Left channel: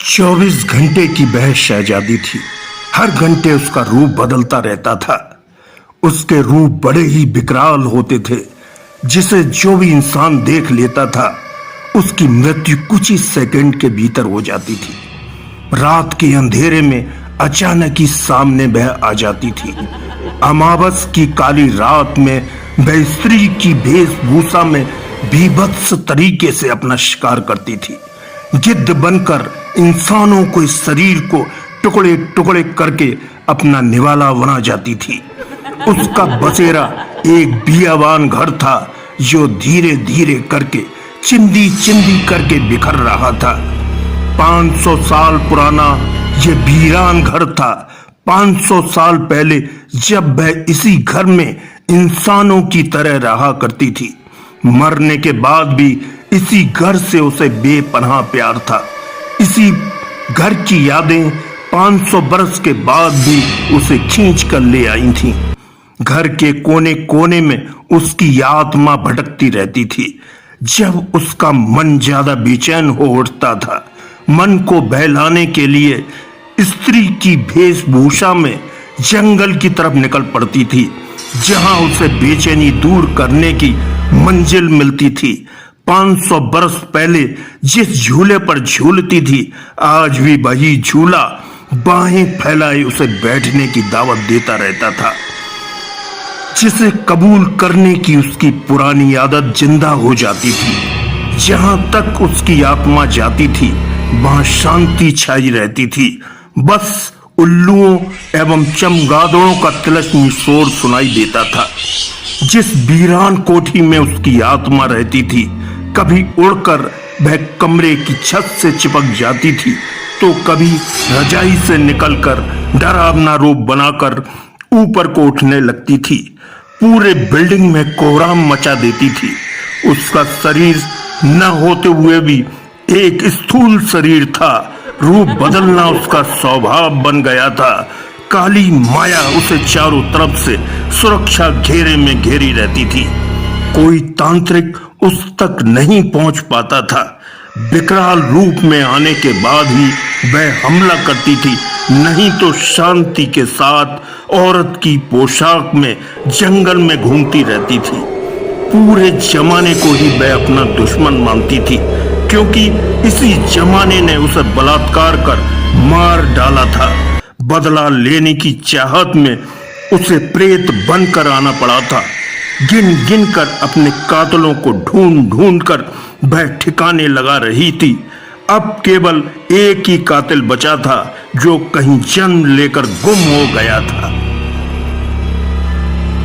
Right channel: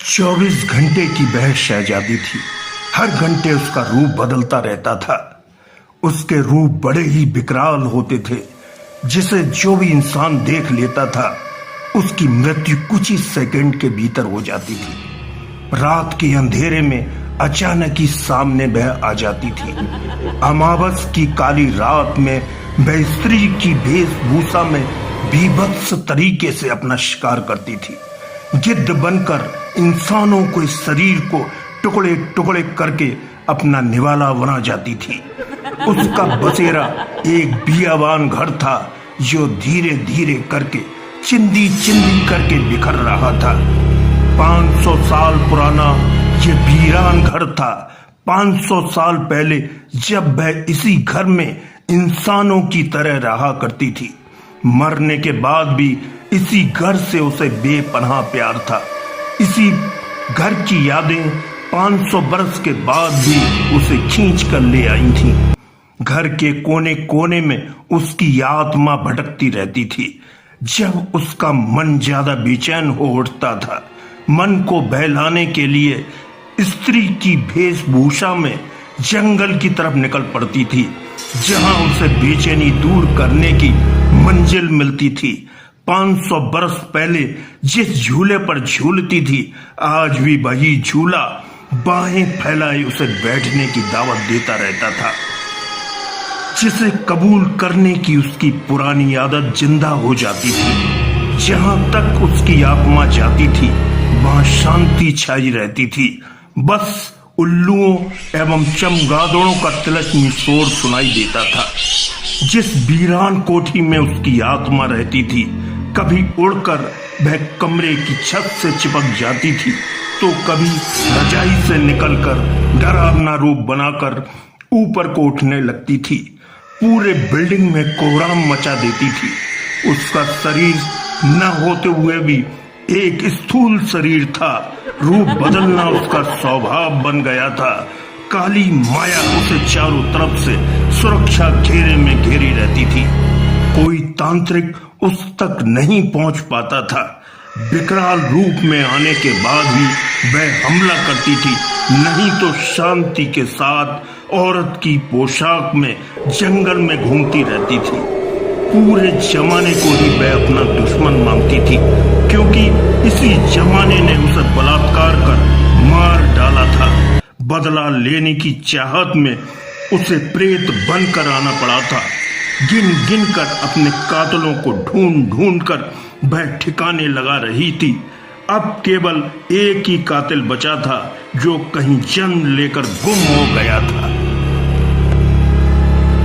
24 घंटे की वह शहजादी थी। हर घंटे उसका रूप बदलता रहता था। उसके रूप बड़े ही विकराल होते थे, जिसे जो भी इंसान देख लेता था उसकी मृत्यु कुछ ही सेकंड के भीतर हो जाती थी। रात के अंधेरे में अचानक ही सामने वह आ जाती थी। अमावस की काली रात में वह स्त्री की वेशभूषा में बीभत्स तरीके से अपना शिकार करती थी। गिद्ध बनकर इंसानों को इस शरीर को टुकड़े टुकड़े करके अपना निवाला बना जाती थी। उसका बसेरा एक बियाबान घर था जो धीरे धीरे करके चिंदी चिंदी करके बिखर रहा था। 500 साल पुराना ये वीरान घर था। 500 साल पहले जब वह इसी घर में इंसानों की तरह रहा करती थी, मरने के बाद भी इसी घर से उसे बेपनाह प्यार था। इसी घर की यादें 500 बरस के बाद भी उसे खींच कर ले आई थीं। घर के कोने कोने में उसकी आत्मा भटकती रहती थी। जब उसका मन ज्यादा बेचैन हो उठता था, मन को बहलाने के लिए स्त्री की वेशभूषा में जंगल की तरफ निकल पड़ती थी, जहां उसे बेचैनी दूर करने की मंजिल मिलती थी। 500 बरस पहले जिस झूले पर झूलती थी, आज भी वही झूला बाहें फैलाए उसे बैठने की दावत देता रहता था। जिसे कबूल करने की उसकी पुरानी आदत जिंदा हो जाती थी। जहां तक उसकी आत्मा जाती थी वहां शांति छाई रहती थी। बस उल्लुओं एवं चमगादड़ों का तिलस्मी शोर सुनाई देता था। जिस वीरान कोठी में उसकी आत्मा रहती थी, कभी उड़कर वह कमरे की छत से चिपक जाती थी, तो कभी रजाई से निकलकर डरावना रूप बनाकर ऊपर को उठने लगती थी। पूरे बिल्डिंग में कोहराम मचा देती थी। उसका शरीर न होते हुए भी एक स्थूल शरीर था। रूप बदलना उसका स्वभाव बन गया था। काली माया उसे चारों तरफ से सुरक्षा घेरे में घेरी रहती थी। कोई तांत्रिक उस तक नहीं पहुंच पाता था। विकराल रूप में आने के बाद ही वह हमला करती थी, नहीं तो शांति के साथ औरत की पोशाक में जंगल में घूमती रहती थी। पूरे जमाने को ही वह अपना दुश्मन मानती थी, क्योंकि इसी जमाने ने उसे बलात्कार कर मार डाला था। बदला लेने की चाहत में उसे प्रेत बनकर आना पड़ा था। गिन गिन कर अपने कातलों को ढूंढ ढूंढ कर वह ठिकाने लगा रही थी। अब केवल एक ही कातिल बचा था, जो कहीं जन्म लेकर गुम हो गया था।